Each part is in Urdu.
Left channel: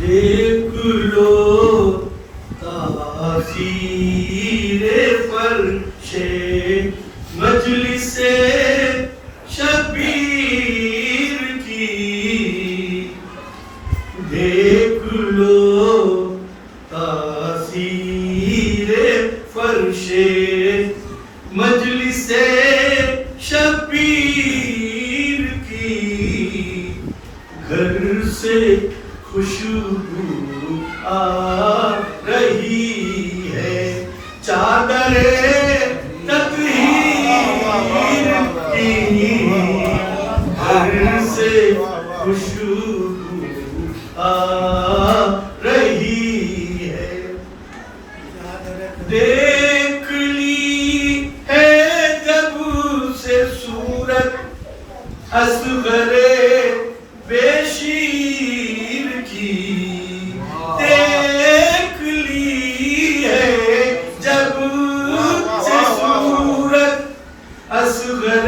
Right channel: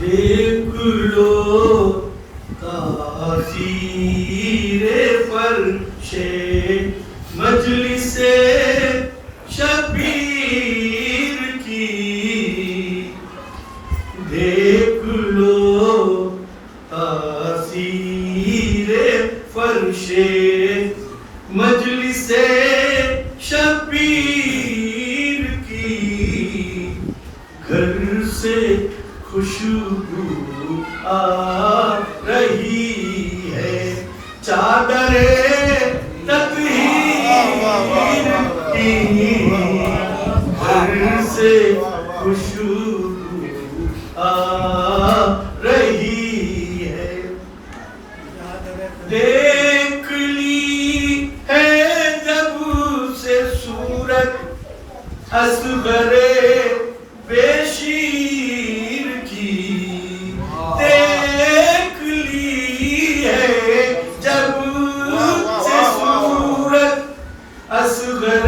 دیکھ لو تاثیر فرش مجلس شبیر کی، دیکھ لو تاثیر فرش مجلس شبیر کی، گھر سے خوشبو آ رہی ہے، چادر تطہیر کی، گھر سے خوشبو آ رہی ہے، دیکھ لی ہے جب سے صورت اصغر بے شیر کی، دیکھ لی ہے جب سے صورت اصغر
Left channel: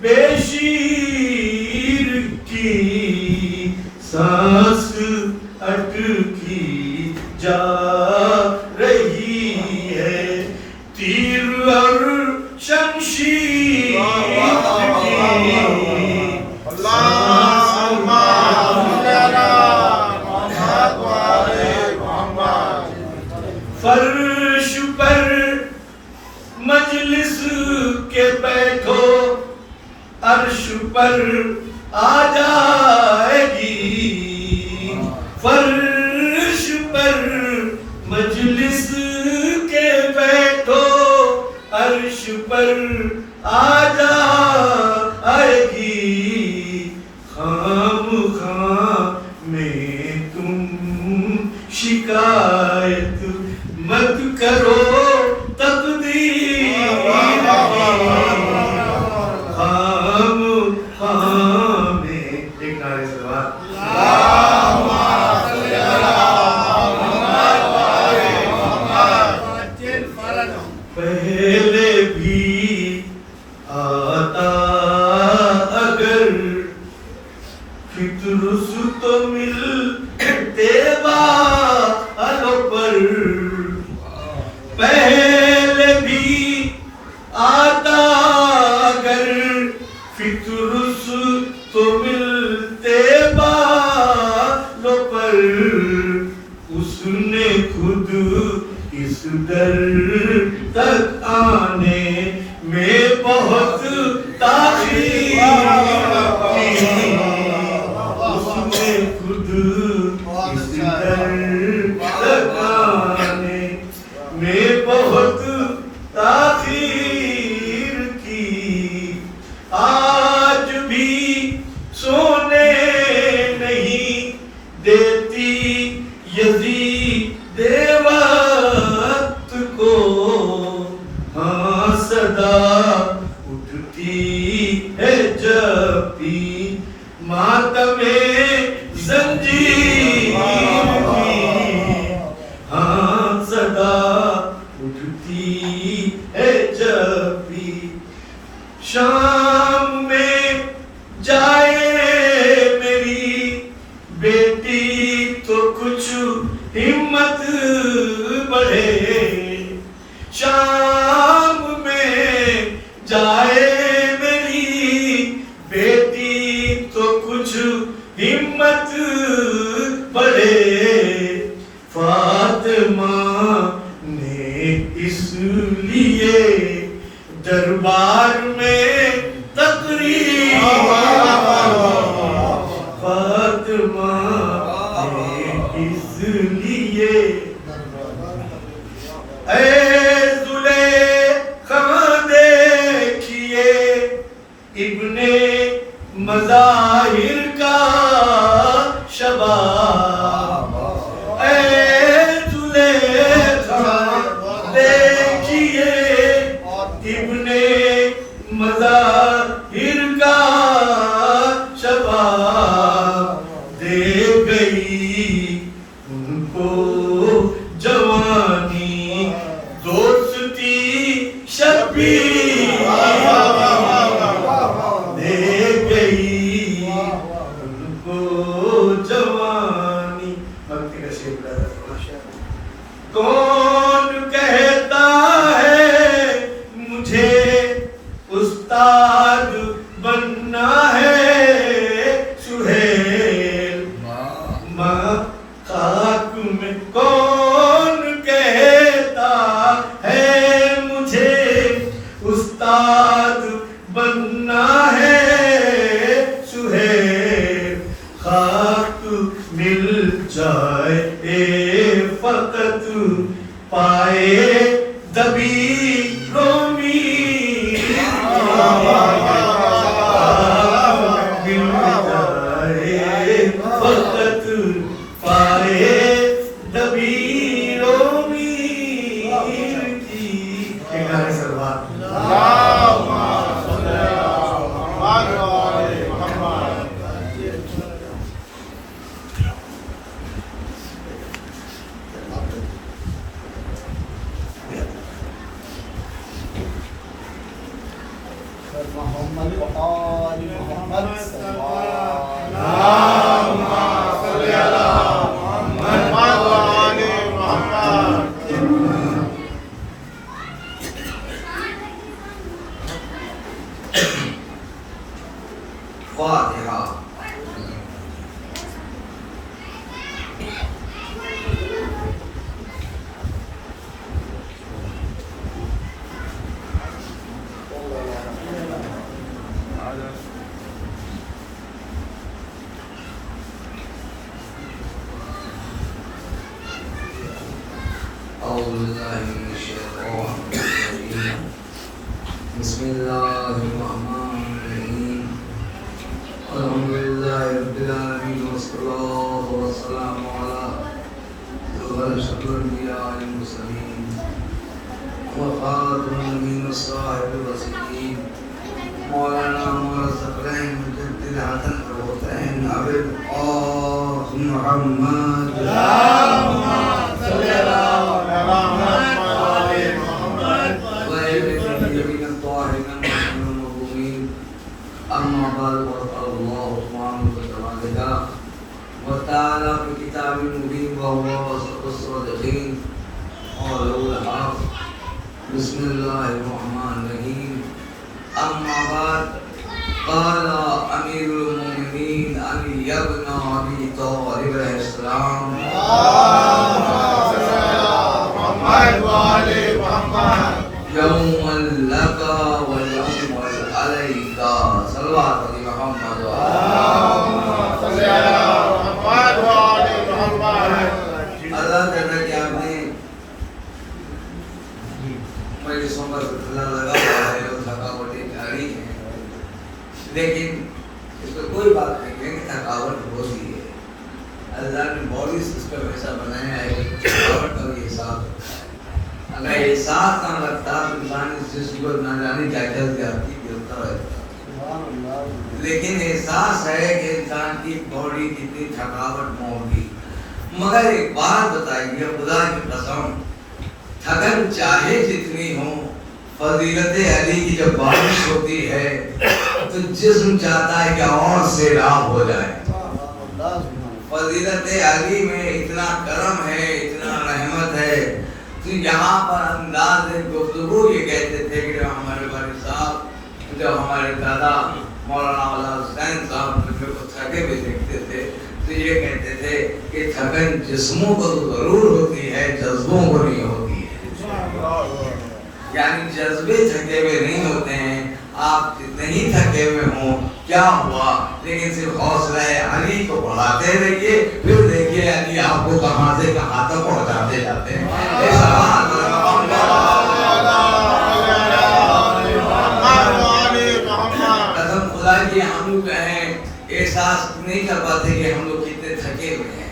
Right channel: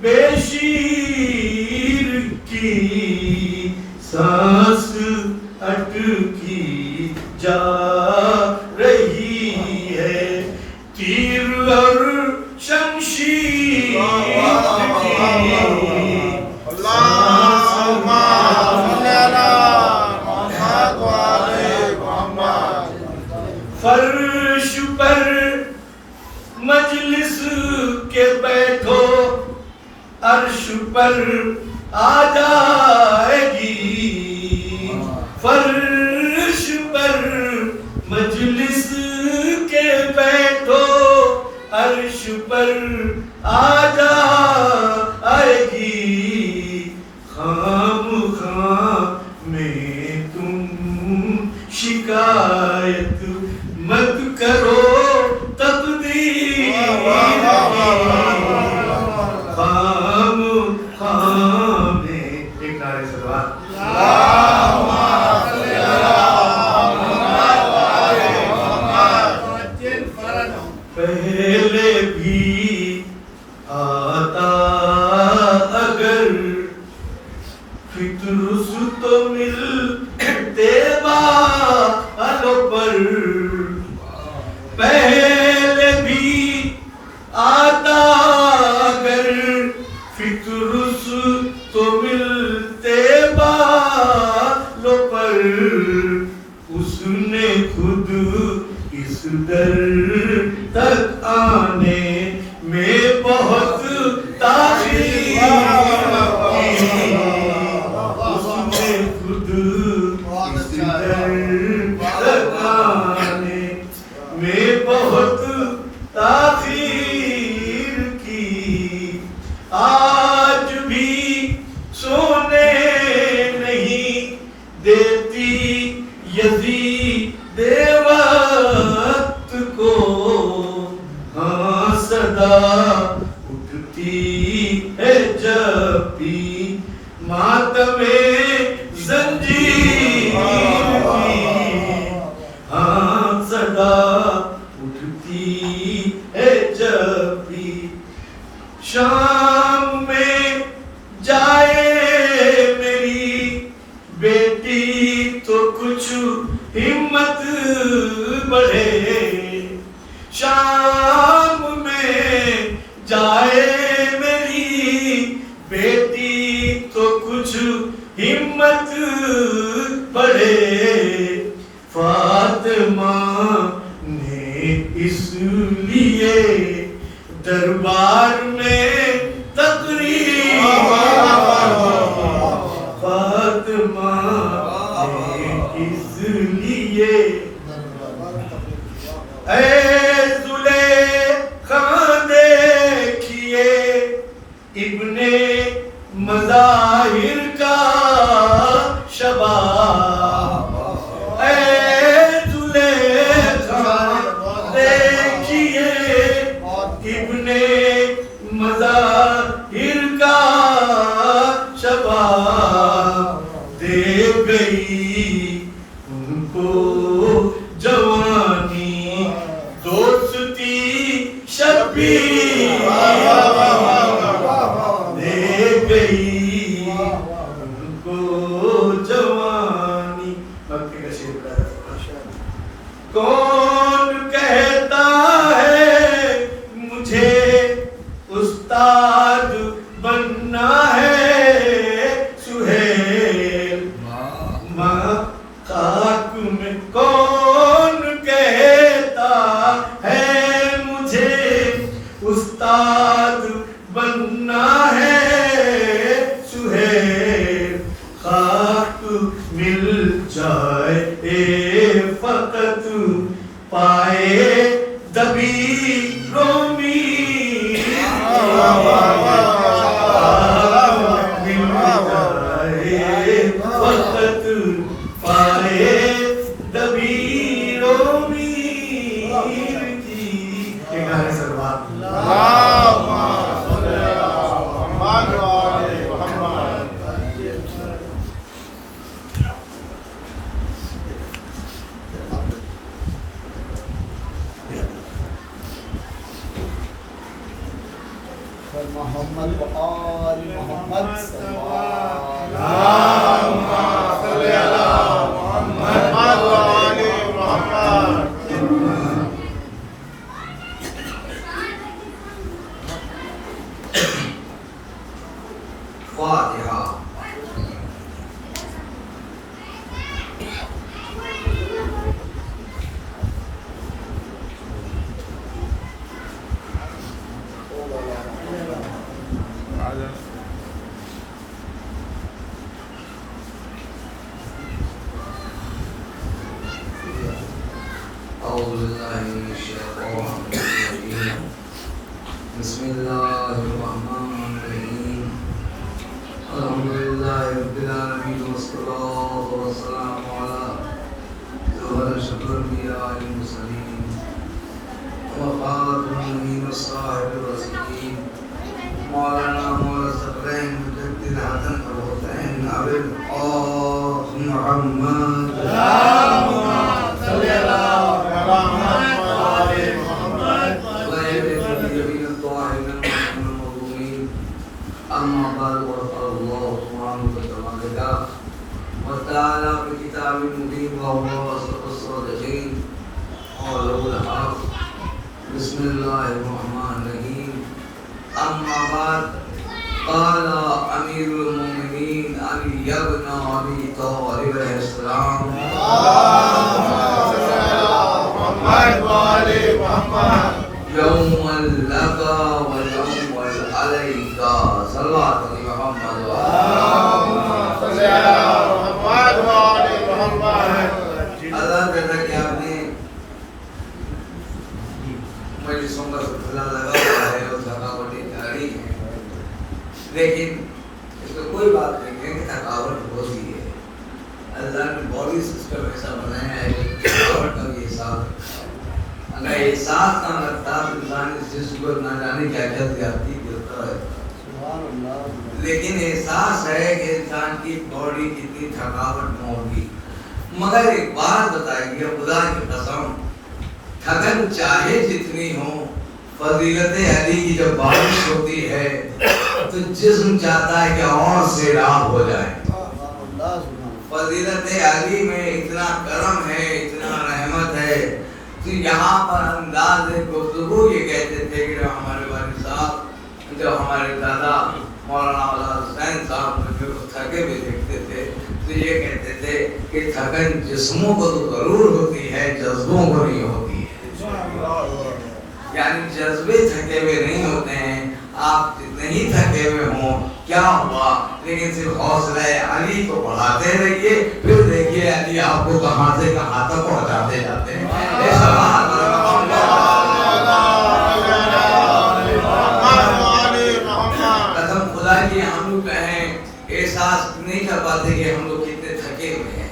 بے شیر کی، سانس اٹکی جا رہی ہے، تیر اور شمشیر کی، فرش پر مجلس کے بیٹھو، عرش پر آ جائے گی، فرش پر مجلس کے بیٹھو، عرش پر آ جائے گی، خام خام میں تم شکایت مت کرو تقدیر کی، خام خام میں ایک نعرے سے دعا، پہلے بھی آتا اگر فطرس تو ملتے بالوں پر، پہلے بھی آتا اگر فطرس تو ملتے بالوں پر، اس نے خود اس در تک آنے میں بہت تاخیر کی، اس نے خود اس در تک آنے میں بہت تاخیر کی، آج بھی سونے نہیں دیتی یزید وقت کو، ہاں صدا اٹھتی ہے جب بھی ماتم زنجیر کی، ہاں صدا اٹھتی ہے جب بھی، شام میں جائے میری بیٹی تو کچھ ہمت بڑھے، شام میں جائے میری بیٹی تو کچھ ہمت بڑھے، فاطمہ نے اس لیے دربار میں تقریر، فاطمہ نے اس لیے، اے زلیخا دیکھیے ابن مظاہر کا شباب، اے کو جوانی دوستی شبیر دے گئی ان کو جوانی. بھکتی کا شعر پڑھا. کون کہتا ہے مجھے استاد بننا ہے سہیل ماں خاک میں. کون کہتا ہے مجھے استاد بننا ہے سہیل خاک مل جائے فقط پائے دبی رومی. فقط پائے دبی رومی. محمد وآل محمد فاتحہ. أعوذ بالله من الشيطان الرجيم. بسم الله الرحمن الرحيم. الحمد لله رب العالمين والصلاة والسلام على أشرف الأنبياء والمرسلين وخاتم النبيين والصاحب الرسولين مولانا الثقلين مجدد الحسن والحسين أبي القاسم محمد. أما بعد فقال الله سبحانه وتعالى وتعالى في كتاب مبين وهو أصدق الصادقين قوله الحق. بسم الله الرحمن الرحيم. أما بعد قال أمير المؤمنين علي بن أبي طالب عليه السلام يوم لك ويوم عليك صلوات محمد. اللہ تعالیٰ کہ آپ نے مجلسوں کا سلسلہ لگا ہے اور تھکاوٹیں جاری ہیں، لیکن اس میں کوئی بات نہیں ہے کہ تھکاوٹ ہوتی ہے. اللہ نے باڈی سسٹم ایسا بنایا ہے کہ تھکاوٹ کا بھی حساب. اگر احساس نہ رکھتا تو انسان اس جسم پر نہ جانے کیا کیا زیادتی کرتا رہتا. لیکن احساس ہے کہ انسان کی باڈی کتنی تھکاوٹ میں ہوگی. مگر ایک بات بتائیے خدا کی قسم، تھکن چاہے جتنی ہو، فضیلت علی کی جب بارش ہوتی ہے تو جسم چاہتا ہے کہ اور سیراب ہو جائے. فضیلت علی میں اتنا کرم ہے، اتنا رحمت ہے. یہاں پر انداز گفتگو یہ کہتے تھے کہ ہمارے والد صاحب جو ہمارے دادا مولانا حسین صاحب کو تھکے ہوئے دیکھتے تھے تو یہ کہتے تھے کہ تھکن جسموں کو تو ضرور ہوتی ہے، جذبوں کو نہیں ہوتی ہے. یعنی جذبے تھکے ہوئے نہیں ہوتے ہیں. آپ جتنے ہی تھکے ہوئے ہوں کیا ہوا، لیکن صرف حوصلہ علی کو بڑھاتے رہیے، پھر دیکھیے علی آپ کو کہاں سے کہاں تک پہنچاتے جاتے ہیں. قسم خدا کی ہم لوگ کہیں احساس نہیں کر پاتے کہ ہم لوگ کتنے تھکے ہوئے ہیں.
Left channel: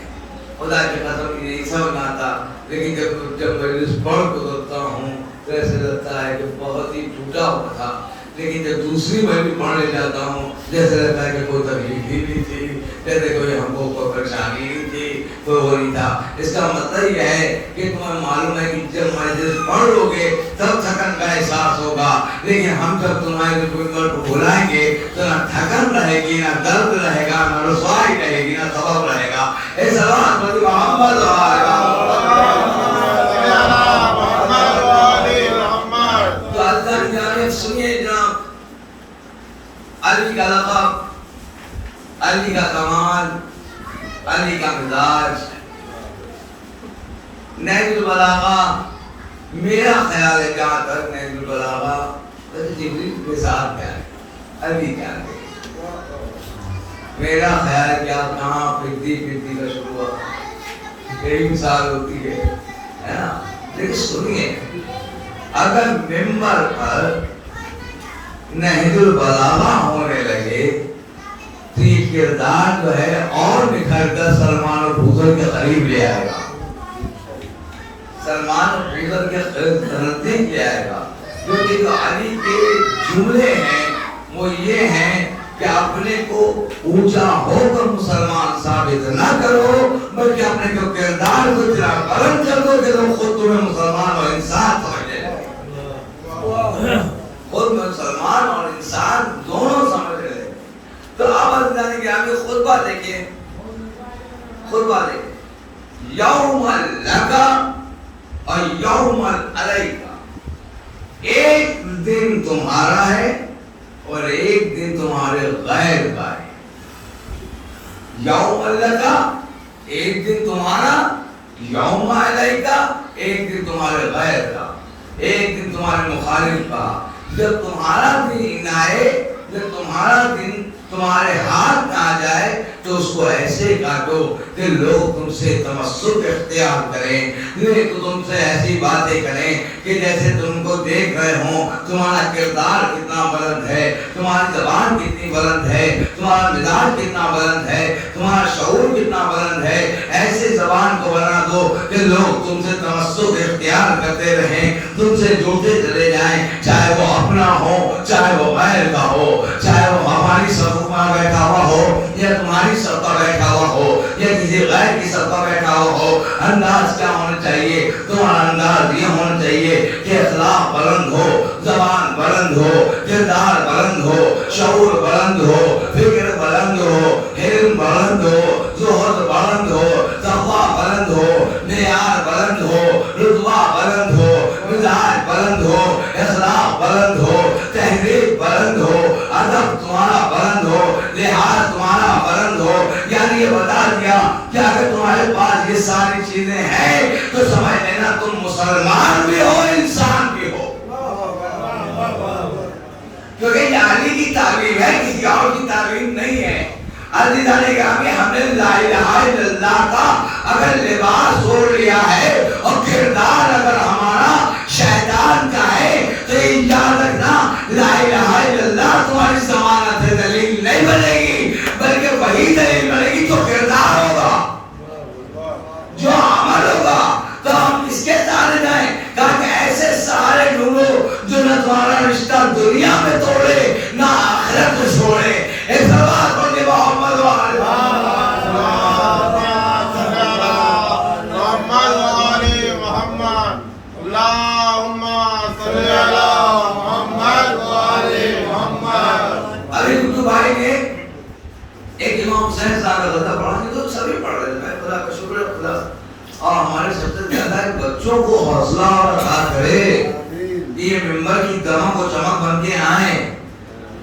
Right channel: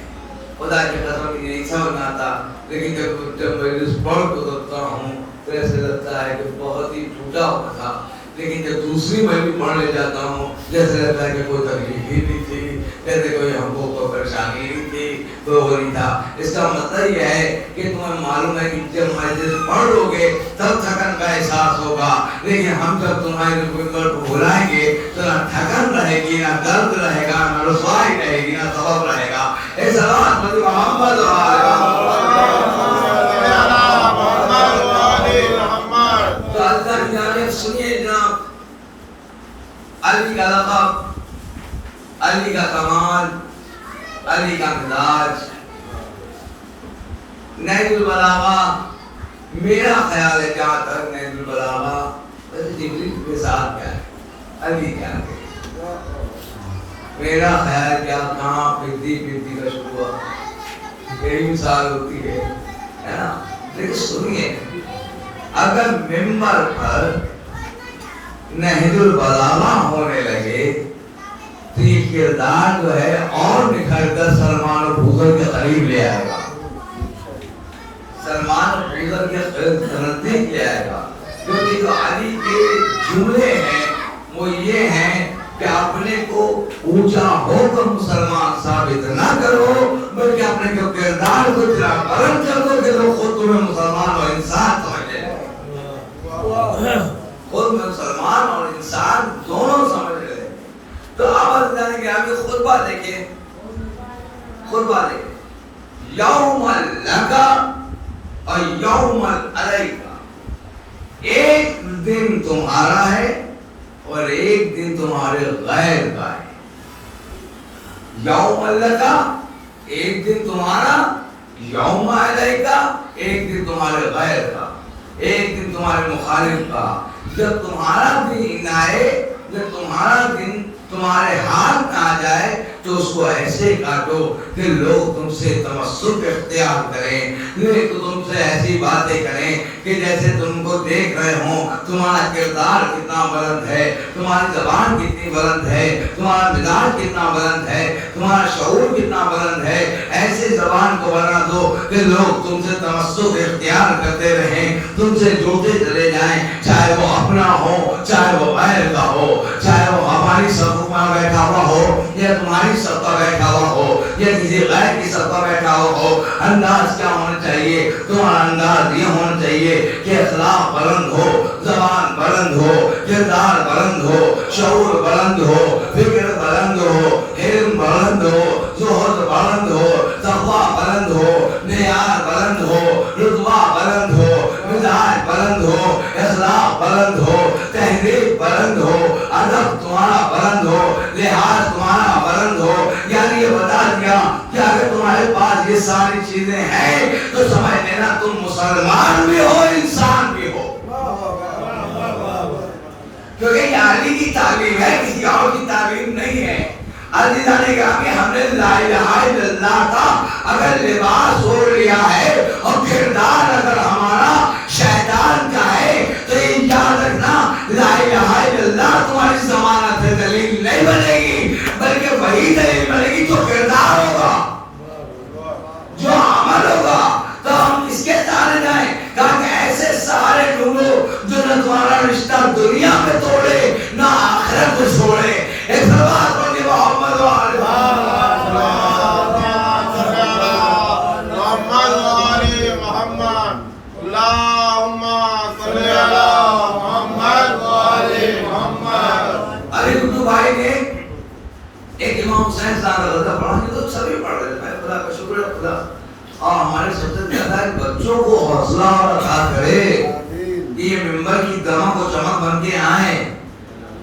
خدا کی قسم نہیں سمجھ آتا. لیکن جب مجلس پڑھ گزرتا ہوں تو ایسا لگتا ہے کہ بہت ہی ٹوٹا ہوا تھا. لیکن جب دوسری میں بھی پڑھنے جاتا ہوں جیسے لگتا ہے کہ کوئی تکلیف ہی نہیں تھی، جیسے کوئی ہم کو کوئی پریشانی نہیں تھی. تو وہ نہیں تھا. اس کا مطلب یہ ہے کہ تمہیں معلوم ہے کہ جب مجلس پڑھ لو گے تب تھکن کا احساس ہوگا, لیکن ہم جب تمہارے کوئی کو بلائیں گے تو نہ تھکن رہے گی, نہ درد رہے گا, نہ رسوائی رہے گی, نہ سبب رہے گا. اے سلام محمد و آل محمد. تو اللہ کی جانب سنیے جناب, علی کا لقب, علی کا کمال, علی کا مزاج, نہج البلاغہ. میرا خیال ہے جہاں تک نہج البلاغہ جبریل کے ساتھ کیا ہے, علی کیا ہے. میرا خیال ہے کہ آپ کہاں پھرتی کا شروع ہوا, کئی مثال ہوتی ہے نا. لیکن سنیے, اگر ممبر پر نہج البلاغہ ہونے لگے تو یہ کردار جو ہے اور نکھر کر سلمان اور بوزر کے قریب لے آئے گا, سلمان اور بوزر کے نزدیک لے آئے گا. کیونکہ جو علی کے جملے ہیں وہ یہ ہیں کہ اپنے کو اونچا ہو کر مسلمان ثابت نہ کرو, بلکہ اپنے جو کردار کو اتنا بلند کر دو کہ تم خود تمہیں مسلمان اور انسان سمجھے, خود مسلمان اور انسان دونوں سمجھ رہے. تو آپ جانے کہ ہمیں خطبہ دیکھیں, خطبہ دیکھیں, یوم لکا اور یوم علیکا, ایک دن تمہارا ہے اور ایک دن تمہارے غیر کا ہے. یوم لکا ایک دن تمہارا, یوم علیکا ایک دن تمہارے غیر کا, ایک دن تمہارے مخالف کا. جب تمہارا دن آئے, جب تمہارا دن تمہارے ہاتھ نہ آ جائے تو اس کو ایسے کاٹو کہ لوگ تم سے تمسک اختیار کریں, نہیں تو تم سے ایسی باتیں کریں کہ جیسے تم کو دیکھ رہے ہوں تمہارا کردار کتنا بلند ہے, تمہاری زبان کتنی بلند ہے, تمہارا مزاج کتنا بلند ہے, تمہارا شعور کتنا بلند ہے. ایسے زبان کو بنا دو کہ لوگ تم سے تمسک اختیار کرتے رہیں, تم سے جوڑتے چلے جائیں, چاہے وہ اپنا ہو, چاہے وہ غیر کا ہو, چاہے وہ ہماری سرما بیٹھا ہوا ہو یا تمہاری سر پر بیٹھا ہوا ہو یا کسی غیر کی سر پر بیٹھا ہوا ہو. انداز کیا ہونا چاہیے, تمہارا انداز یہ ہونا چاہیے کہ اخلاق بلند ہو, زبان بلند ہو, کردار بلند ہو, شعور بلند ہو, فکر بلند ہو, علم بلند ہو, زہد بلند ہو, تقویٰ بلند ہو, معیار بلند ہو, رتبہ بلند ہو, مزاج بلند ہو, اخلاق بلند ہو, تحریر بلند ہو, ادب تمہارا بلند ہو, لحاظ تمہارا بلند ہو. یعنی یہ بتا دیا کہ اگر تمہارے پاس یہ ساری چیزیں ہیں تو سمجھ لینا تم مسلمان بھی ہو, انسان بھی ہو. کیونکہ یہ علی کی تعلیم ہے, کسی اور کی تعلیم نہیں ہے. علی نے کہا کہ ہم نے لا الہ الا اللہ کا اگر لباس اوڑھ لیا ہے اور کردار اگر ہمارا شیطان کا ہے تو یاد رکھنا لا الہ الا اللہ تمہاری ضمانت دلیل نہیں بنے گی, بلکہ وہی دلیل بنے گی جو کردار ہوگا, جو عمل ہوگا. تو ہم اس کے سارے جائیں, کہا کہ ایسے سارے لوگوں جو نہ تمہارا رشتہ دنیا میں توڑے نہ آخرت میں چھوڑے. ایک بات بولے محمد و آل محمد, اللہم صلی علی محمد و آل محمد. ابھی دو بھائی نے ایک امام حسین صاحب غزہ پڑھا تو سبھی پڑھ رہے ہیں, خدا کا شکر ہے خدا. اور ہمارے سب سے زیادہ بچوں کو حوصلہ اور عطا کرے, یہ ممبر کی گما کو چمک بن کے آئیں.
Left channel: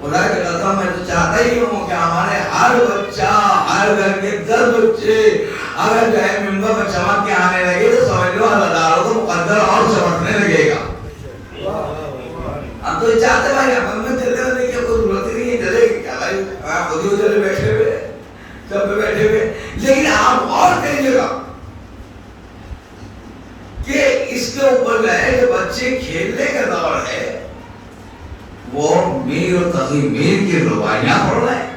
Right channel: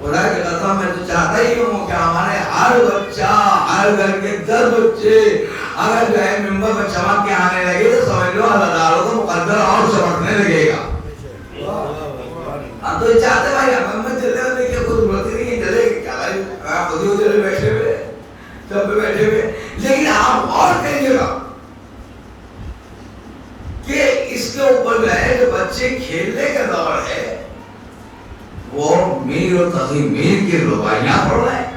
خدا کے قدم میں تو چاہتا ہی ہوں کہ ہمارے ہر بچہ, ہر گھر کے 10 بچے اگر جو ہے ممبر پر چمک کے آنے لگے تو سمجھ لو اللہ تعالیٰ کو مقدر اور چمکنے لگے گا. ہم تو چاہتے بھائی ہم چلے ہوئے کہ خود بولتی نہیں چلے گی کیا بھائی, آپ خود ہی چلے بیٹھے ہوئے, سب بیٹھے ہوئے. لیکن آپ اور کہیے گا کہ اس کے اوپر جو ہے جو بچے کھیلنے کا دور ہے وہ میر اور تقی میر کی روایاں پڑھ رہے ہیں.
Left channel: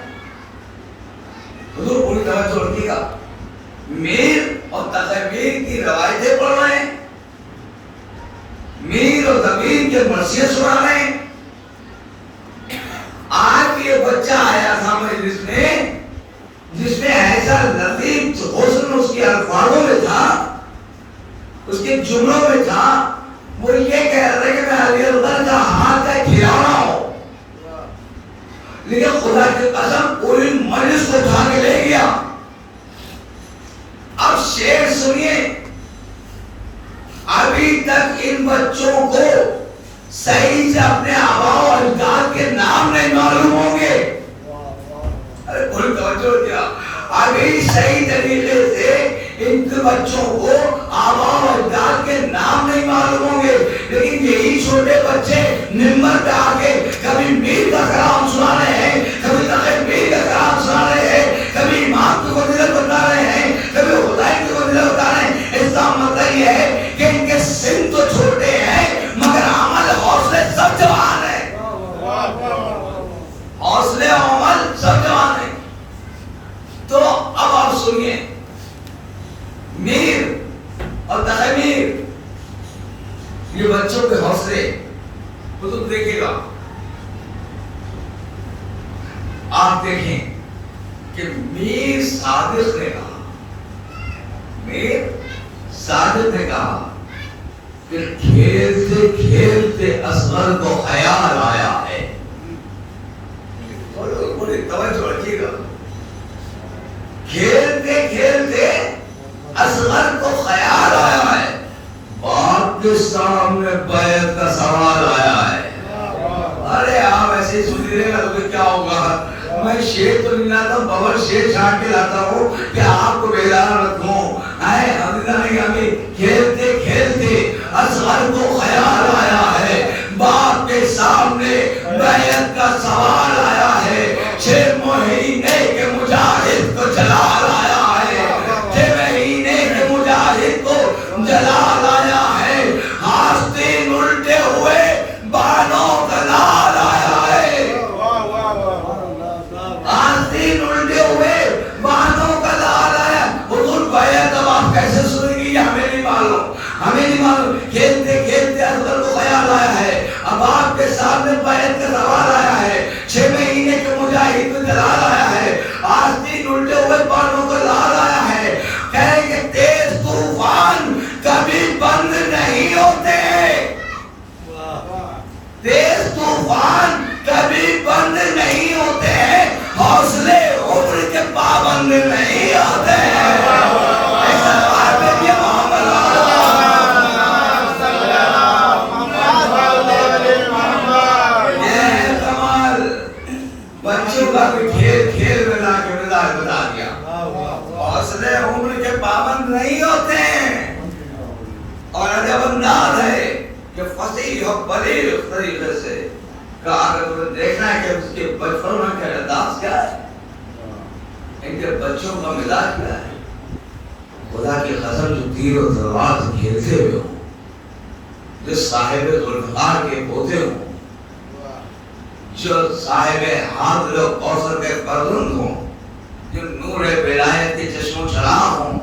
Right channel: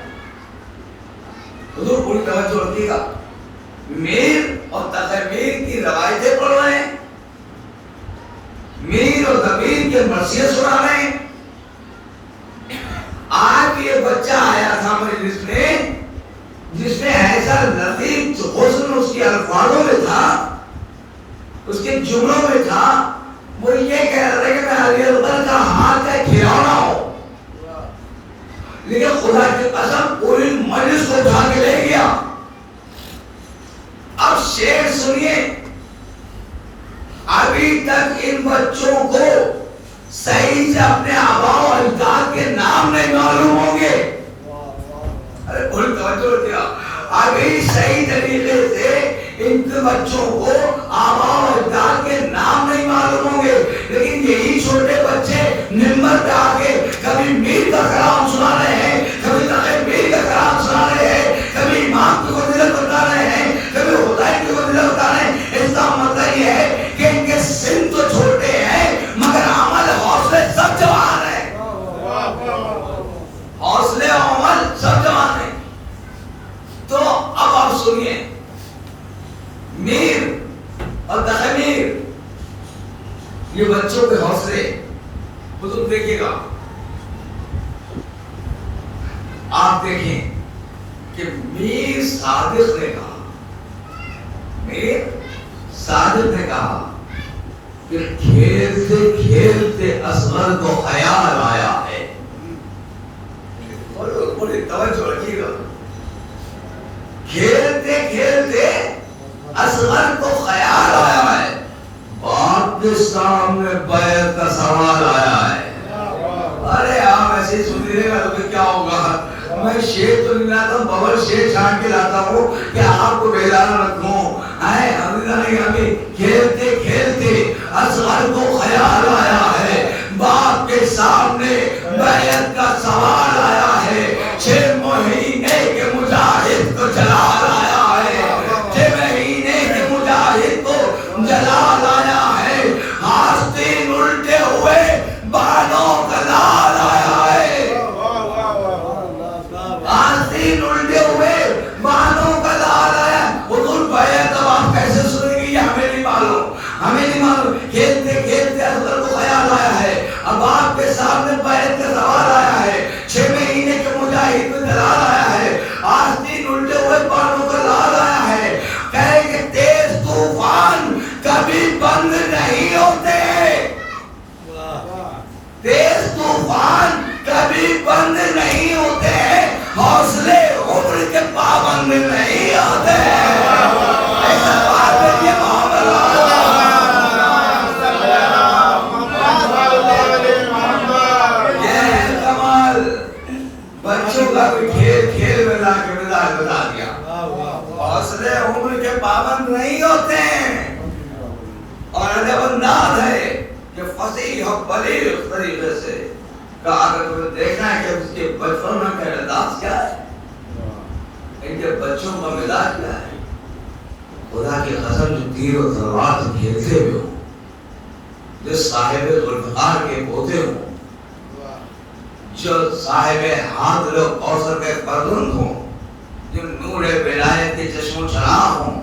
حضور پوری توجہ رکھیے گا, میر اور تقی میر کی روایتیں پڑھ رہے ہیں, میر اور تقیر کے مرثیے سنا رہے ہیں. آج یہ بچہ آیا تھا مجلس میں جس میں ایسا لطیف حسن اس کے الفاظ میں تھا، اس کے جملوں میں تھا، وہ یہ کہہ رہے کہ میں علی اکبر کا ہاتھ کا کھلونا ہوں، لیکن خدا کی قسم پوری مجلس کو اٹھا کے لے گیا۔ اب شعر سنیے، ابھی تک ان بچوں کو صحیح سے اپنے آباء و اجداد کے نام نہیں معلوم ہوں گے۔ ارے بول توجہ کیا، ابھی صحیح طریقے سے ان کے بچوں کو آباء و اجداد کے نام نہیں معلوم ہوں گے، لیکن یہی چھوٹے بچے ممبر پہ آ کے کبھی میر کا کلام سنا رہے ہیں، کبھی تقی میر کا کلام سنا رہے ہیں، کبھی امام کو فضیلت بتا رہے ہیں، کبھی خدائی کی فضیلت بتا رہے ہیں۔ اس کا مطلب یہ ہے کہ ان کے سن تو چھوٹے ہیں مگر عمل حوصلے سب جوان ہیں، حوصلے و عمل سب جوان ہیں۔ تو اب آپ سنیے، میر اور تخمیر یہ بچوں کے حوصلے وہ تو دیکھیے گا، آپ دیکھیں کہ میر صادق نے کہا، میر صادق نے کہا کہ کھیلتے کھیلتے اصغر کو خیال آیا ہے۔ بڑی توجہ رکھیے گا، کھیلتے کھیلتے اصغر کو خیال آیا ہے، باپ کے سامنے بیعت کا سوال آیا ہے۔ ارے آپ ایسے ہی سنی رہے گا تو کیا ہوگا؟ میں شیر تو نہیں لاتا، ببر شیر چھانٹ کے لاتا ہوں کہ آپ کو بیدار رکھوں۔ ہمیں کھیلتے کھیلتے اصغر کو خیال آیا ہے، باپ کے سامنے بیعت کا سوال آیا ہے، 6 مہینے کے مجاہد کو جلال آیا ہے، 6 مہینے کے مجاہد کو جلال آیا ہے، آستین الٹے ہوئے بالوں کا لال آیا ہے، آستین الٹے ہوئے بالوں کا لال آیا۔ حضور بیعت اب آپ کیسے سنیں گی یہ ہمیں نہیں معلوم، ہمیں نہیں معلوم۔ کھیلتے کھیلتے اصغر کو خیال آیا ہے، اب آپ کے سامنے بیعت کا سوال آیا ہے، 6 مہینے کے مجاہد کو جلال آیا ہے، آستین الٹے ہوئے بالوں کا لال آیا ہے۔ کہے کہ تیز طوفان کبھی بند نہیں ہوتے، تیز طوفان کبھی بند نہیں ہوتے، حوصلے عمر کے پابند نہیں ہوتے۔ ایسا بات ہے کہ محمد یہ کمال بچوں کا بھی کھیل کھیل میں لا کے مزاج بتا دیا، حوصلے عمر کے پابند نہیں ہوتے ہیں۔ اور عجب انداز ہے کہ فصیح و بلیغ طریقے سے کہا کہ تمہیں دیکھنا ہے کہ اس کے بچپن میں کا انداز کیا ہے، ان کے بچوں کا مزاج کیا ہے۔ خدا کی قسم جو تیر و تلوار سے کھیلتے ہوئے ہوں، جو صاحب ذوالفقار کے پوتے ہوں، جو صاحب حاضر و کوثر کے فرزند ہوں، جو نور ولایت کے چشم و چراغ ہوں،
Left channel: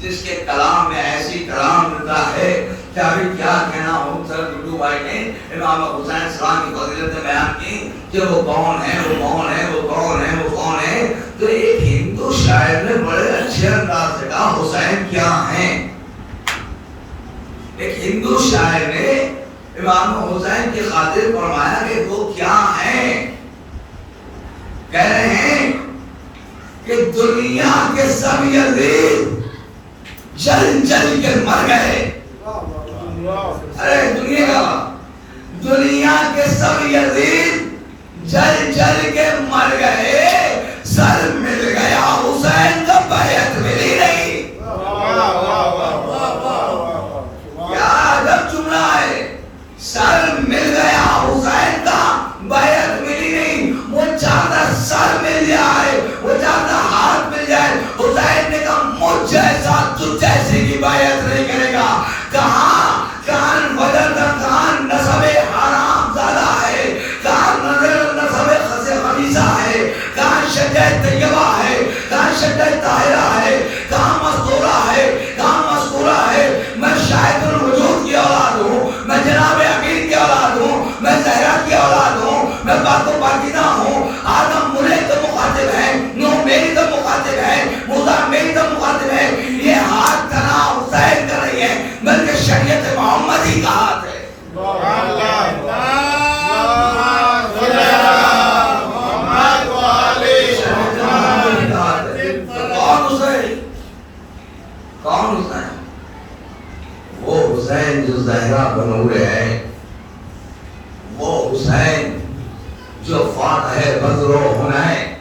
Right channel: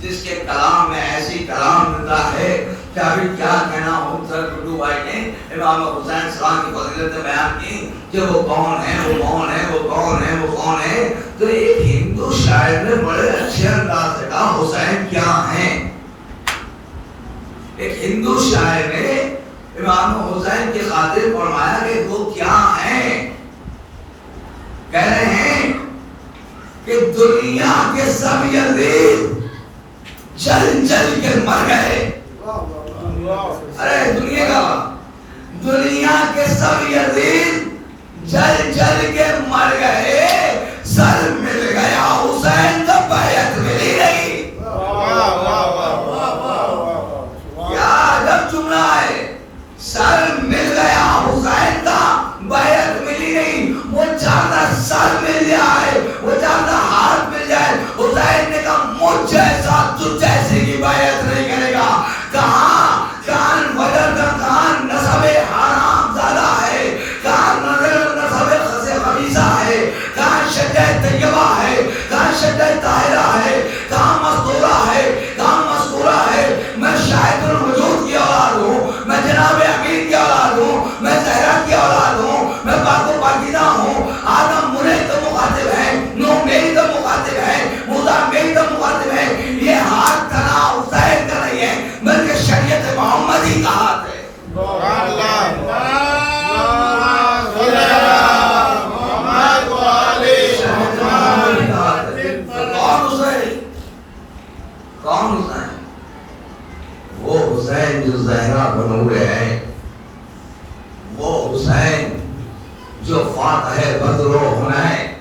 جس کے کلام میں ایسی کلام ملتا ہے کہ ابھی کیا کہنا ہو۔ سر ڈڈو بھائی نے امام حسین سلام کی فضیلت بیان کی کہ وہ کون ہے، وہ کون ہے، وہ کون ہے، وہ کون ہے۔ تو ایک ہندو شاعر نے بڑے اچھے انداز سے کہا حسین کیا ہیں۔ ایک ہندو شاعر نے امام حسین کی خاطر فرمایا کہ وہ کیا ہیں۔ کہہ رہے ہیں کہ دنیا کے سب یزید جل جل کے مر گئے۔ ارے دنیا کے سب یزید جل جل کے مر گئے، سر مل گیا حسین کا بیعت ملی نہیں۔ کیا عجب جملہ ہے، سر مل گیا حسین کا بیعت ملی نہیں۔ وہ چاہتا سر مل جائے، وہ چاہتا ہاتھ مل جائے، حسین نے کہا مجھ جیسا تجھ جیسی کی بیعت نہیں کرے گا۔ کہاں کان بدر کان نسب حرام زادہ ہے، کان نظر نسب خس خبیثہ ہے، نبی کا ہاتھ ہے. کون حسین؟ وہ حسین جو زہرا بنور ہے، وہ حسین جو فاتح بدر و حنین،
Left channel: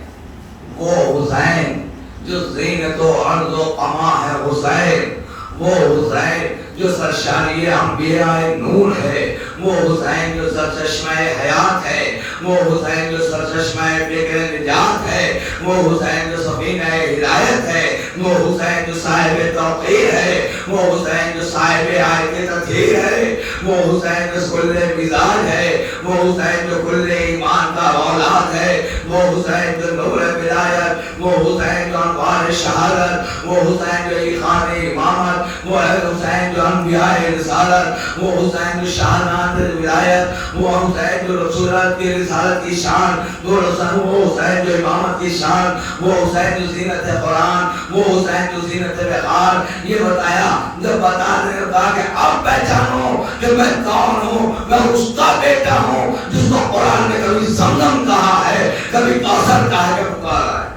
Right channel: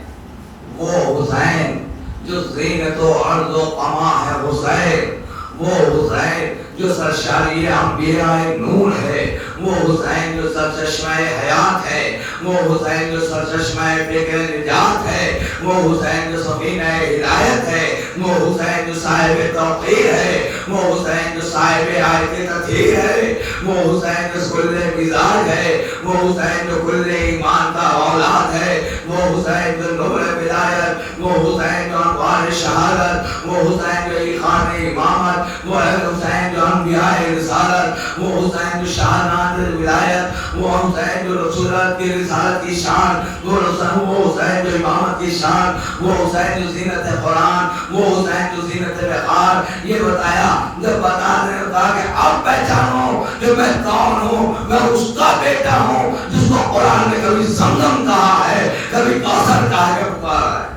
وہ حسین جو زینت و عرض و قما ہے حسین، وہ حسین جو سرشاری انبیاء نور ہے، وہ حسین جو سرچشمہ حیات ہے، وہ حسین جو سرچشمہ فکر نجات ہے، وہ حسین جو سفینہ ہدایت ہے، وہ حسین جو صاحب توقیر ہے، وہ حسین جو صاحب آیت تطہیر ہے، وہ حسین جو کل مزاج ہے، وہ حسین جو کل ایمان کا اولاد ہے، وہ حسین جو نور ولایت، وہ حسین جو انوار شہادت، وہ حسین جو ایقان امامت، وہ حسین جو انبیاء رسالت، وہ حسین جو شاہنامہ ولایت، وہ حسین جو رسولت کی رسالت کی شان، وہ حسین جو امامت کی شان، وہ حسین جو زینت قرآن، وہ حسین جو زینت وقار. یہ بتایا جب بتانے لگا کہ اب پہچانو کہ میں کون ہوں. میں اس کا بیٹا ہوں جس کو قرآن نے کبھی زمزم کہا ہے، کبھی کوثر کہا ہے، پکارا ہے.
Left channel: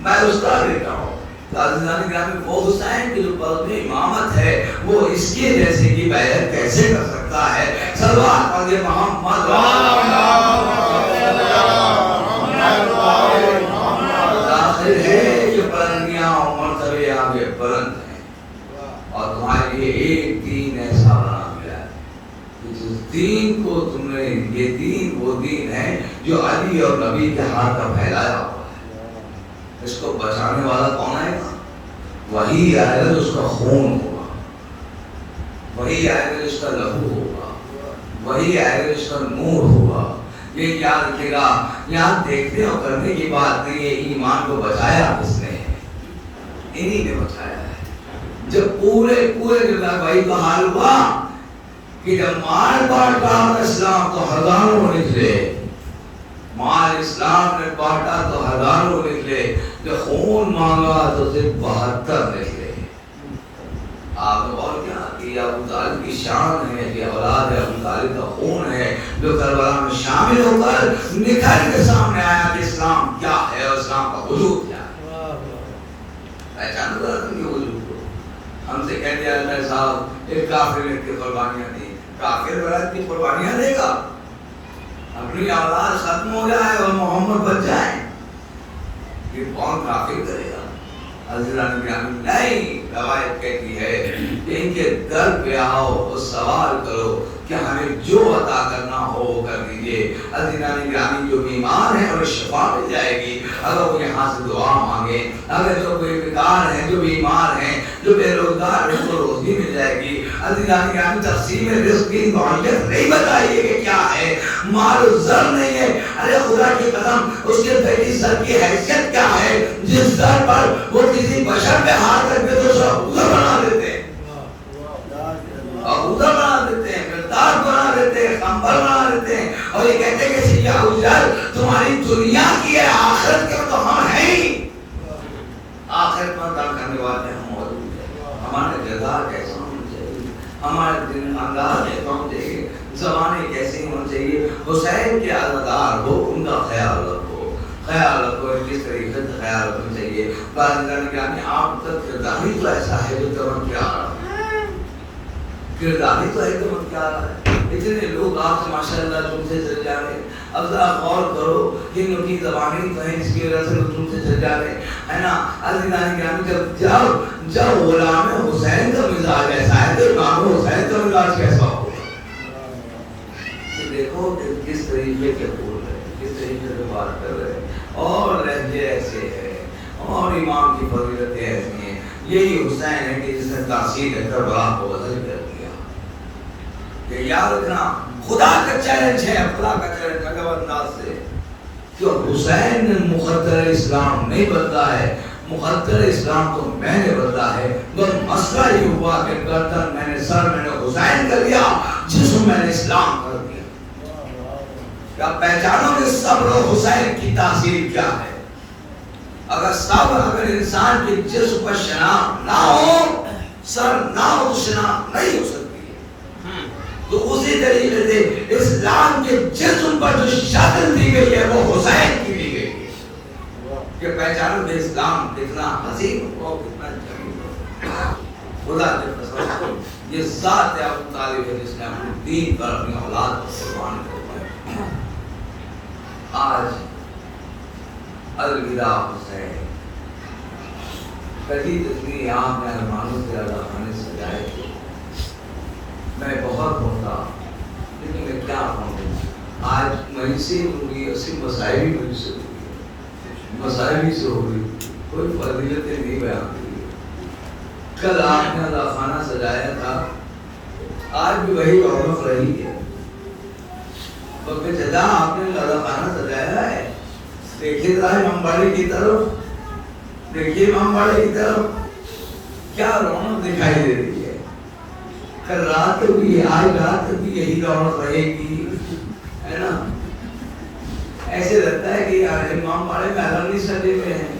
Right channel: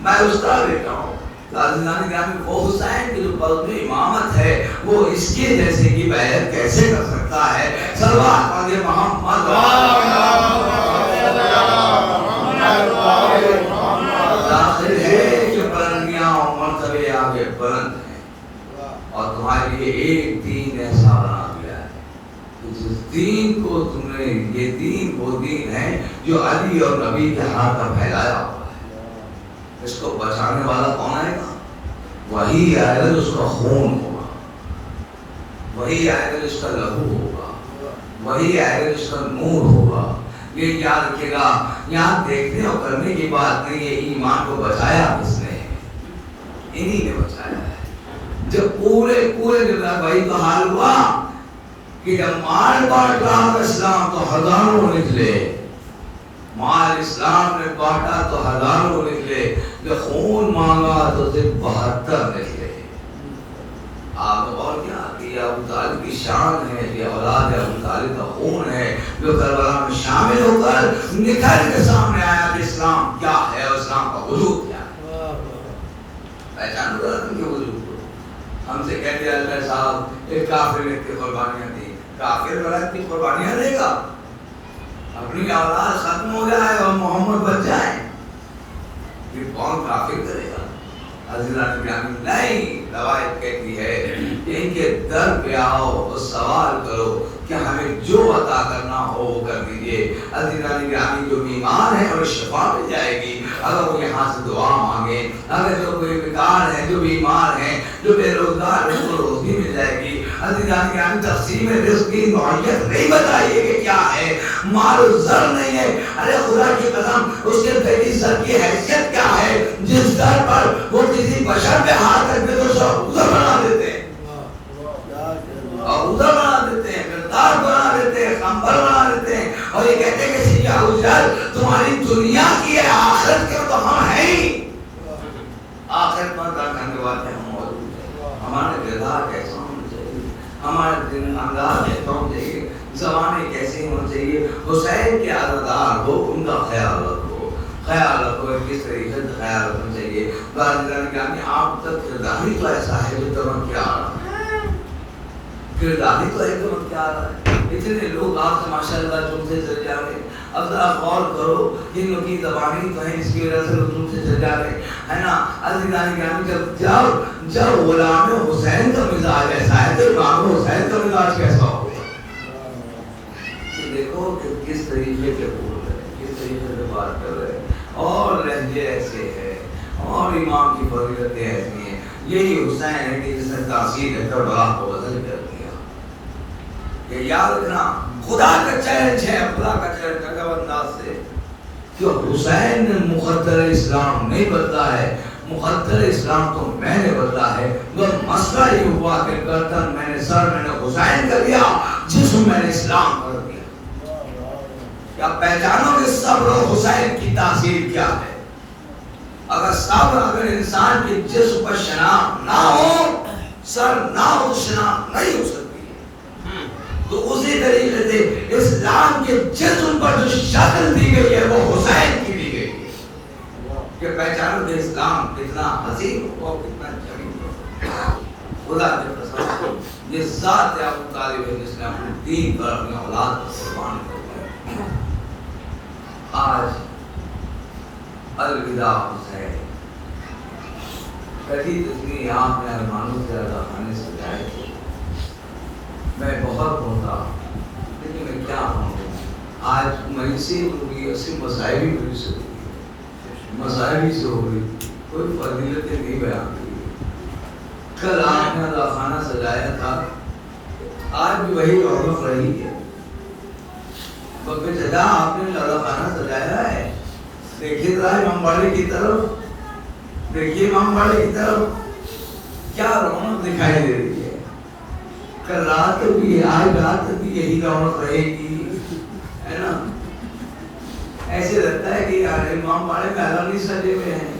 میں اس کا بیٹا ہوں. عزیزان گرامی، وہ حسین کی جو قلب میں امامت ہے وہ اس کے جیسے کی بیعت کیسے کر سکتا ہے؟ صلوات پڑھیے محمد. ظاہر ہے کہ بلندیاں اور مرتبے آگے بلند ہیں، اور تمہارے لیے ایک دین ایسا بنا دیا ہے کہ جس دین کو تم نے، یہ دین وہ دین ہے جو علی اور نبی کے ہاتھ کا پھیلایا ہوا ہے. اس کو بچانے والا کون آئے گا؟ وہی آئے گا جو اس کا خون ہوگا، وہی آئے گا جو اس کا لہو ہوگا، وہی آئے گا جو اس کا نور ہوگا. یہ یاد رکھیے گا، یہاں دیکھنے اور کرنے کی بات نہیں ہے. ایمان کو بچایا کس نے؟ انہی نے بچایا ہے. جب پورے بھائی کا حال ہوا کہ جب مال بانٹ رہا تھا اسلام تو ہزاروں نکلے، مال اسلام نے بانٹا تو ہزاروں نکلے، کہ خون مانگا تو صرف 72 نکلے. آپ اور کیا کہ ابو طالب کی شان ہے، کہ اولاد ابو طالب کا خون ہے جو کربلا میں شامل ہو کر نکھر کے سامنے آیا کہ اسلام کیا ہے اور اسلام کا وجود کیا ہے. پہچان کر کہ وجود کو ہم سے کہتے ہیں اللہ صاحب ایک کافر نے کی قربانیاں دی. کافر برات کی قربانیاں دے گا، اپنی اولاد ختم ہو جائے اور محمد بچ جائے، یہ کون کافر کرے گا؟ عزیزان گرامی، نہیں، روایت کہتی ہے کہ ان کے در پہ آؤ اور سوال کرو کہ ہمیں جو عطا کرنا ہو وہ کر دیجئے. عزیزان گرامی، جو بیمار ہیں اور شفا مل جائے گی اگر وہ یہاں سے دعا مانگے. اگر جو بے بیکار ہیں، جو بیمار ہیں، جو بے روزگار ہیں، وہ روزی مل جائے گی. عزیزان گرامی، تقسیم رزق کی نوعیت نہیں بتائیے کہ کیا ہے. مال و زر نہیں ہے. ارے خدا کی قسم، اس کے بیٹی زر کی حیثیت کیا ہے جس زر پر وہ کسی بشر پہ ہاتھ رکھ کے تو اسے عبودہ بنا دیتے ہیں، عبودہ بنا دیتے ہیں، مردار بنا دیتے ہیں، خمبر بنا دیتے ہیں، اور یہ کہتے ہیں کہ سیاہ حجر تمہاری دنیا کی ہے، آخرت کے تو ہم ہیں ہی. آخرت میں کار کرنے والے ہم موجود ہیں. ہمارے کردار کیسے ہونا چاہیے، ہمارے دن انداز کیسے ہونا چاہیے، زمانے کیسے ہونا چاہیے. حسین کے عزادار ہو، ان کا خیال رکھو، خیال رکھو کس طریقے سے خیال رکھنا چاہیے. بارے آپ تک کردار ہی تو ایسا ہے جو تمام کیا کردار ہی تو ہے تمام کیا ہے. اتنے لوگ آپ سے ماشاءاللہ تم سے چل جا رہے ہیں. اب ذرا غور کرو کہ ان کی زبانیں تو ہیں، اس کی وجہ سے لوگ تم سے چل جا رہے ہیں نا. عزیزان گرامی، جب غلام حسین کا مزاج ایسا ہے تو امام حسین کا مزاج کیسا ہوگا؟ دیکھو کہ کس طریقے کے بول رہے ہیں، کس طریقے سے بات کر رہے ہیں، اور لہجے ایسے ہیں، اور امام کی فضیلتیں ایسی ہیں. یہی حسین ہے کہ جس نے تاثیر ہے کربلا کو بدل کر دیا. یہ یاد رکھنا خدا کا چیلنج ہے، خدا کا چیلنج اگر انداز سے کہ حسین نے مقدر اسلام نہیں بدلا ہے، مقدر اسلام تو میں نے بدلا ہے. بس مسئلہ یہ ہوا کہ گردن میں نے، سر میں نے حسین کر دیا، جسم میں نے اسلام کر دیا. کیا پہچانو کہ صبر و حسین کی تاثیر کیا ہے؟ اگر صبر، اگر انسان کے جسم پر شناخت نہ ہو، سر نہ ہو، شناخت نہیں ہو سکتی. شیطان کے جسم پر جو شکل دی گئی ہے وہ حسین کی دی گئی ہے کہ پہچانو کہ اسلام کتنا حسین ہو کتنا جمیل ہو. خدا کے قسم یہ ذات ابو طالب ہے جس نے اپنے دین پر اپنی اولاد کو قربان کیا. آج الوداع حسین. کبھی اتنی آپ نے ارمانوں سے اللہ خانے سجائے تھے. میں بہت ہوتا لیکن میں کیا ہوں آج مجلسی ہوگی اسی مسائبی مجھ سے ہوگی مسائبی سے ہوگی کوئی فضیلتیں نہیں بیان کی. کل آپ نے اللہ خانہ سجایا تھا آج بھی وہی رونق رہی ہے. بکر چچا آپ نے اللہ خانہ سجایا ہے. دیکھیے ذرا امام باڑے کی طرف دیکھیے امام باڑے کی طرف کیا رونق دکھائی دے رہی ہے. کل رات بھی آج رات بھی یہی رونق رہے گی ہے نا. ایسے لگتا ہے کہ یار امام باڑے میں الگ نہیں سجے ہوئے ہیں.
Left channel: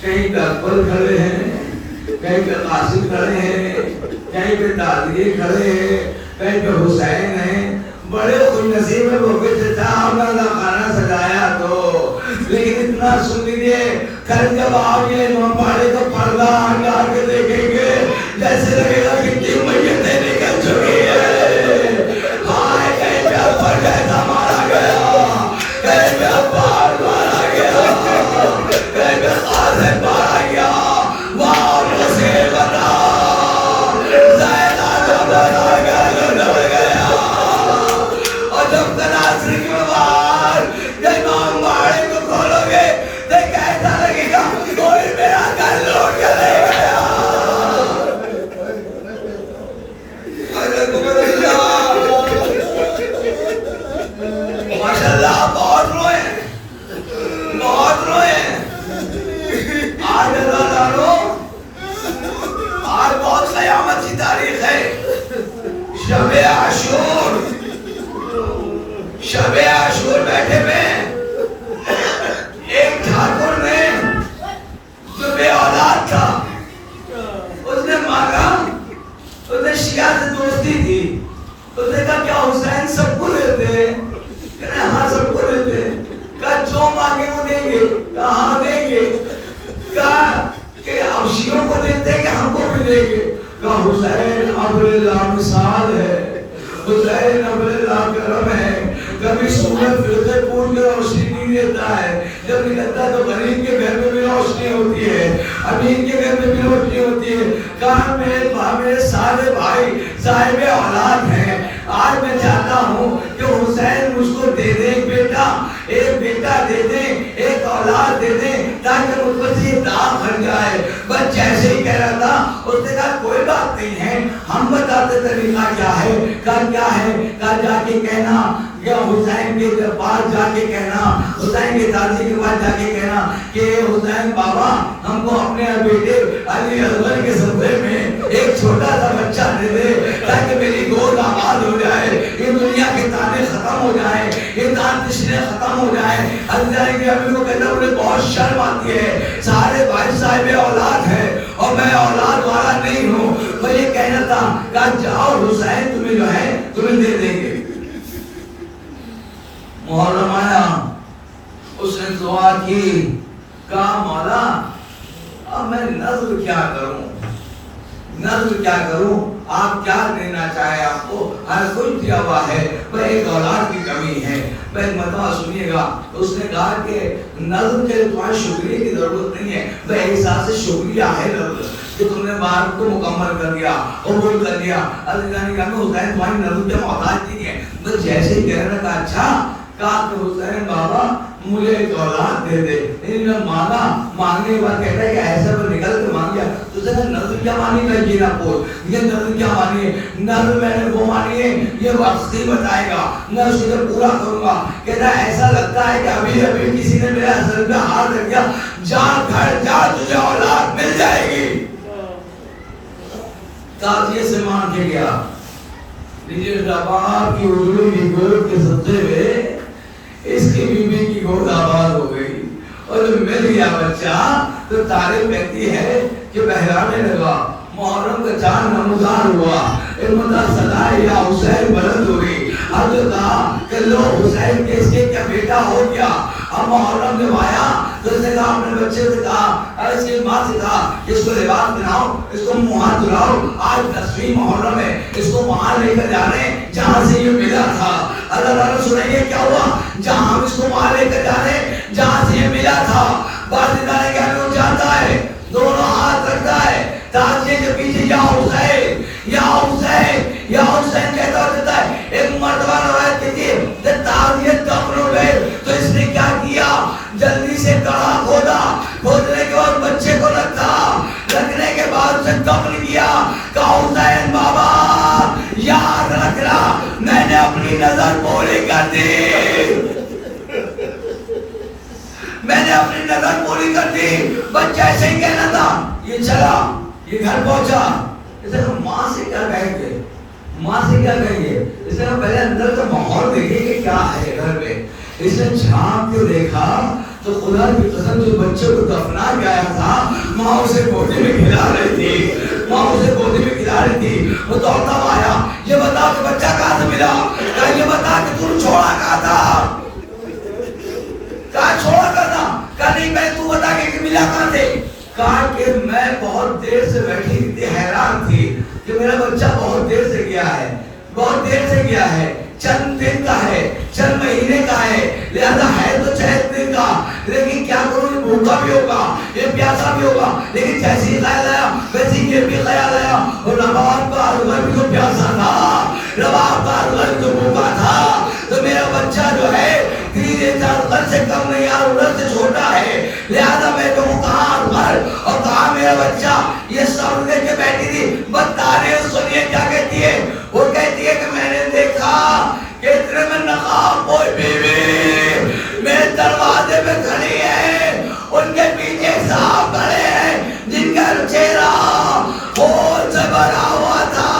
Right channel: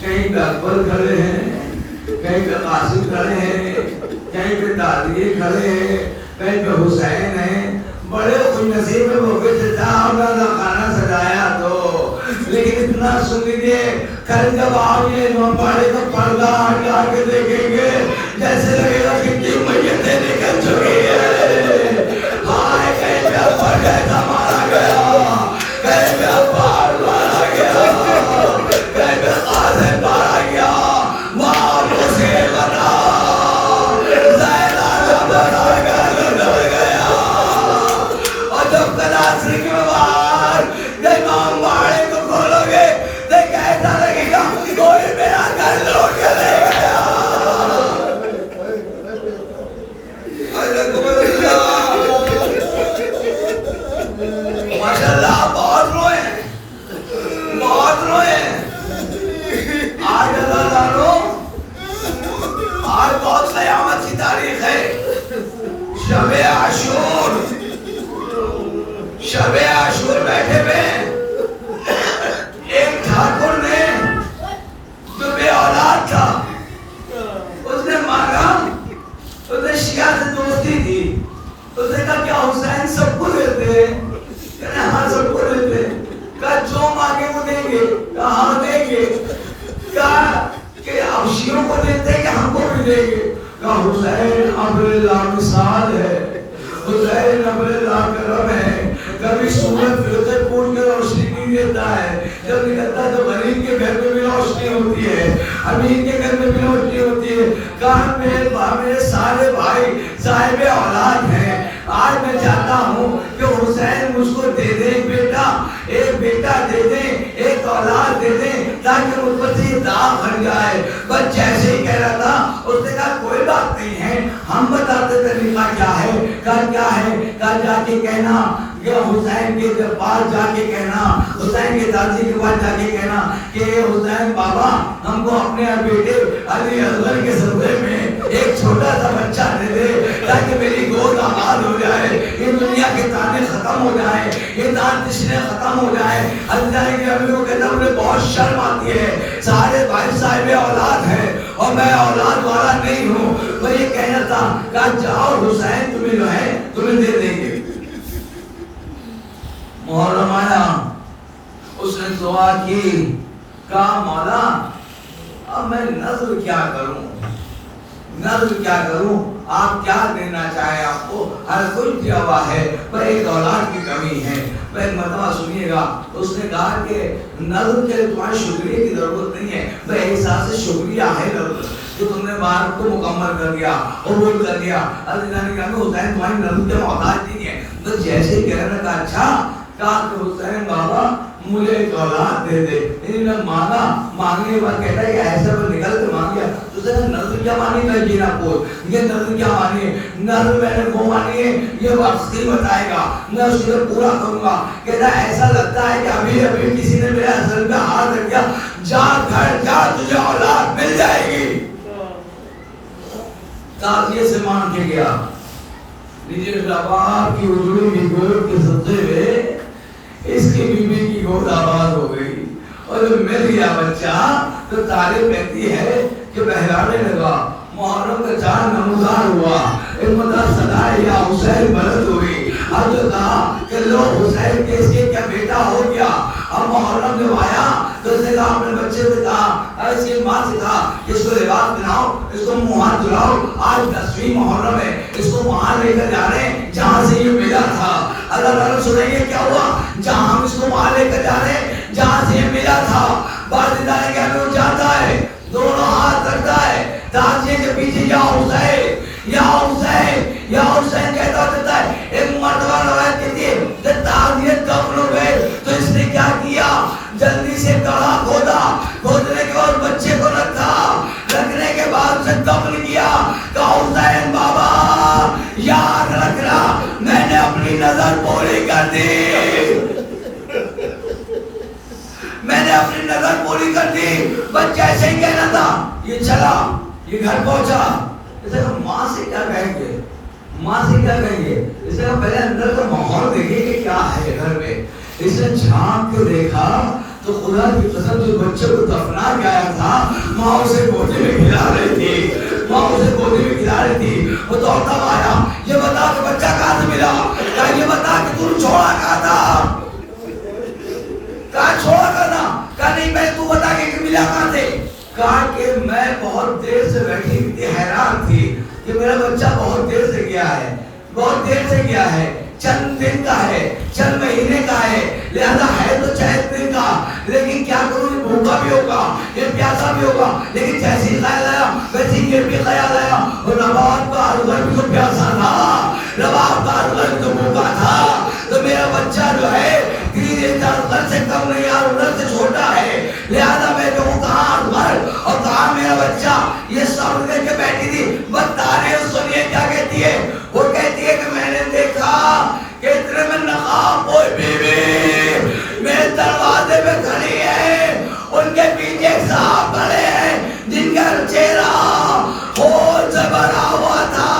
کہیں پہ اکبر کھڑے ہیں کہیں پہ قاسم کھڑے ہیں کہیں پہ دادی کھڑے ہیں کہیں پہ حسین ہیں. بڑے خوش نصیب ہے وہ کہ چچا ہم نے اللہ خانہ سجایا تو. لیکن اتنا سن لیجیے کل جب آپ یہ امام باڑے کا پردہ آگے آگے دیکھیں گے جیسے لگے گا کتنی میتیں نکل چکی ہے. ہائے کہیں پہ اکبر کیسا مارا گیا کہیں پہ عباس مارا گیا کہیں پہ قاسم مارا گیا. وہاں مجھے بنا زینب جب بنا گیا اور جب تناظر کے بعد جب امام باڑے کو کھولو گے تو کیسا لگے گا کوئی میرا گھر لوٹ کے لے گیا. ماشاءاللہ بہت روئے بہت روئے. آج اللہ تعالیٰ آج بہت قیامت کی تاریخ ہے. شب عاشور شب عاشور بیٹھے ہوئے ایک ٹھاکر نے جو بے اولاد تھا اس نے مانگا. اس نے شیعہ سے دوستی تھی. اس نے کہا کیا حسین سب کو دیتے ہیں. کہنے ہاں سب کو دیتے ہیں. کہا جو مانگے وہ دیں گے. کہا ہاں دیں گے. کہا کہ آپ شیعوں کو دیتے ہیں کہ ہم کو بھی دیں گے. کہا حسین ابر اللہ مثال ہے. حسین ابر اللہ کرم ہے. کبھی سورج فرقے پور کے روشنی نہیں دیتا ہے. جب نکلتا ہے تو غریب کے گھر میں بھی روشنی ہوتی ہے امیر کے گھر میں بھی روشنی ہوتی ہے. کہاں میرے سارے بھائی صاحب اولاد ہیں. آج میں چاہتا ہوں کہ حسین مجھ کو دے دے ایک بیٹا دے دیں ایک اولاد دے دیں تاکہ مجھ پر سے یہ داغ بن جائے. بس جیسے ہی کہہ رہا تھا اس نے کہا کوئی بات نہیں ہے ہم بتاتے طریقہ کیا ہے. کیا ہے کہا جا کے کہنا کہ حسین کے دربار جا کے کہنا حسین کے دادی کے پاس جا کے کہنا کہ حسین بابا ہم کو اپنے بیٹے علی اصغر کے صدقے میں ایک چھوٹا سا بچہ دے دے تاکہ میری گود آباد ہو جائے. یہ دنیا کے تانے ختم ہو جائے یہ دان تشنے ختم ہو جائے. اللہ کے ابھی کو کہتا مجھے بہت شرم آتی ہے. سارے بھائی صاحب اولاد ہیں اور میں اولاد والا نہیں ہوں. وہ یہ کہنا تھا کہ جاؤ حسین تمہیں جو ہے تمہیں دے دیں گے. محرم آیا اس نے دعا کی. کہا مولا اب میں نظر کیا کروں آپ کیا دینا چاہے. آپ کو ہر کوئی دیا ہوا ہے پر ایک اولاد کی کمی ہے. میں مرتبہ سنیے گا. اس نے کہا کہ نظر کے تمہارے شکریہ کی ضرورت نہیں ہے میں احساس سے شکریہ ہے ضرورت کہ تم نے بات کو مکمل کر دیا قبول کر لیا. اللہ نے کہا حسین تمہاری نظر کے محتاج نہیں ہے. تو جیسے ہی کہہ رہا تھا اچھا کہا کہ حسین بابا مجھے ایک اولاد دے دے. انہوں نے مانگا مانگنے کے بعد کہتا ہے کہ ایسا وہ نکل کے مانگ گیا. تو اس نے نظر کیا مانی میں جینا کو یہ نظر کیا مانی ہے. نظر میں نے وہ مانی ہے یہ وقت ہی بتائے گا میں اس کو پورا کروں گا. کہتا ہے ایسا لگتا ہے کہ ابھی کسی نے میرے اصل پہ ہاتھ رکھ دیا جان گھر جا تجھے اولاد مل جائے گی. تازیے سے مان کے گیا. لیجیے آپ کی اجڑوں کی گود کے صدقے میں اس کی بیوی کی گود آباد ہو گئی. اور جب مل گیا بچہ تو تعریف کہتی ہے کہ بہرانے لگا. محرم کا چاند نمودار ہوا. صدائے یا حسین بلند ہوئی. حضرت کہا کہ لو حسین کے اس کے کیا بیٹا ہو گیا. اب محرم جب آیا تو اس نے کہا اپنے بچے سے کہا اس کی ماں سے کہا اس کو لباس پہناؤ, اس کو منہ ہاتھ دھلاؤ, آج 10ویں محرم ہے, اس کو وہاں لے کر جا رہے ہیں جہاں سے یہ ملا تھا. اللہ تعالیٰ سنائیے کیا ہوا, جہاں ہم اس کو وہاں لے کر جا رہے ہیں جہاں سے یہ ملا تھا. بعد میں کہنے جاتا ہے, دونوں ہاتھ رکھتا ہے تازیے کے پیچھے یا حسین یا حسین یا حسین کہتا ہوتا ہے. ایک مرتبہ روایت کہتی ہے کہ تازیے دفن ہو گئے تو اس نے کیا کیا, جلدی سے گڑھا کھودا, کھودنے کے بعد بچے کو رکھا, رکھنے کے بعد اسے دفن کیا. کہا حسین بابا یاد رکھنا میں نے اپنی نظر پوری کر دی, میں نے اپنی نظر پوری کر دی. بچہ ایسے ہی کہنا تھا, یہ چلا, یہ گھر پہنچا. اسے کہا ماں سے کیا کہیں گے, ماں سے کیا کہیں گے. اسے کہا پہلے اندر کا ماحول دیکھیں کہ کیا ہے گھر میں. اسے جھانک کے دیکھا تو خدا کی قسم جو بچے کو دفنا گیا تھا ماں اسے گودی میں کھلا رہی تھی, ماں اسے گودی میں کھلا رہی تھی. وہ دوڑتا آیا, یہ بتا کہ بچہ کہاں سے ملا, کیا یہ بتا کہ تم چھوڑا کہاں تھا, کہاں چھوڑا کرنا. کہا نہیں میں, تو بتا کہ ملا کہاں سے. کہا کہ میں بہت دیر سے بیٹھی تھی, حیران تھی کہ میرا بچہ بہت دیر سے گیا ہے, بہت دیر سے گیا ہے, چند دن کا ہے, چند مہینے کا ہے, لہذا ہے تو چند دن کا, لیکن کیا کروں یہ بھوکا بھی ہوگا, یہ پیاسا بھی ہوگا. لیکن جیسے ہی خیال آیا ویسے ہی یہ بھی خیال آیا. اور رباب کا عرض بھی تو پیاسا تھا, رباب کا عرض بھی تو بھوکا تھا, تو میرا بچہ جو ہے 3-4 سال سے کم نہیں, یار عمر سے چھوٹا ہے, لہذا میں تو کہاں گھر اور کہاں میرا بچہ. یہ سب لے کے بیٹھی تھی. بتانے سنیے کیا کہتی ہے, وہ کہتی ہے کہ میں نے دیکھا کہ اتنے میں نقاب کوئی بیوی میرے دروازے پہ کھڑی ہے, ان کے پیچھے ایک صاحب کھڑے ہیں جن کا چہرہ خون سے بھرا ہوا تھا.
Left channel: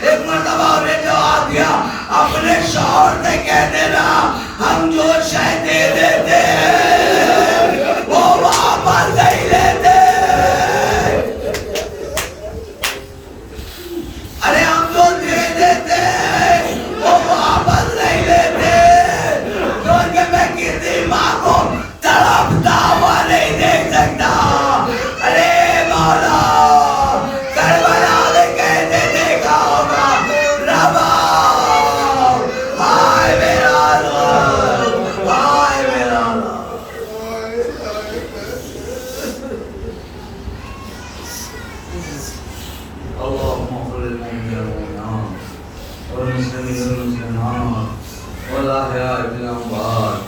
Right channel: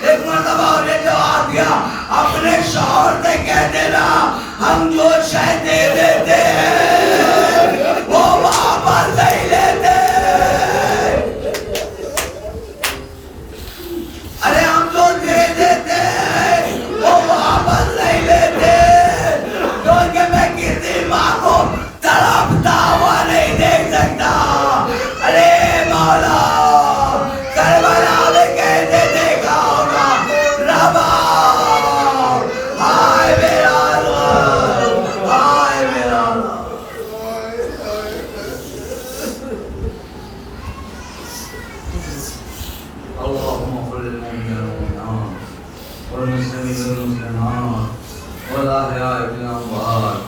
ایک مرتبہ انہیں جواب دیا, اپنے شوہر سے کہہ دینا ہم جو شے دے دیتے ہیں وہ واپس نہیں لیتے. ارے ہم جو دے دیتے ہیں وہ واپس نہیں لیتے. کیوں کہ میں کسی ماں کو تڑپتا ہوا نہیں دیکھ سکتا. ارے مولا کربلا میں کیسے دیکھا ہوگا ربا, ہائے میرا رب, ہائے میرا رب. اللهم اغفر للمؤمنين والمؤمنات والمسلمين والمسلمات والأحياء بالأموات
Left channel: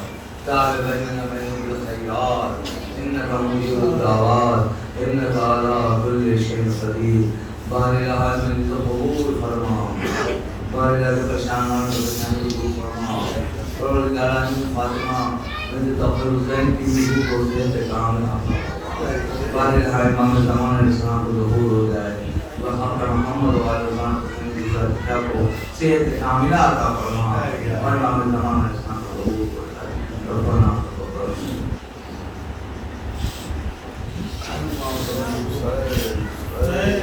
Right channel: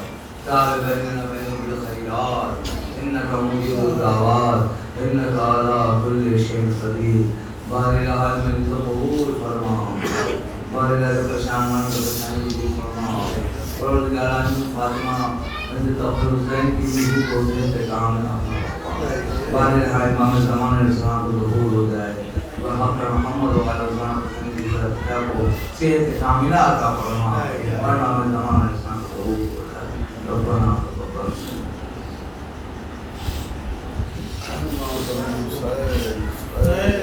تعال بيننا وبينهم بالخيرات إنك مجيب الدعوات إنك على كل شيء قدير. بارك الله من القبور فرما, بارك الله بشامل بشامل فرما, اور اللہ فاطمہ من تقبل حسین کی بھی کوشش سے کام ہے. بارك الله امام زمان اسلام کو ظہور ہو جائے. محمد و علیہ وسلم کی صحت کو صحت کاملہ عطا فرما, اور امام زمان اسلام کو ظہور ہو جائے. ربنا Hey,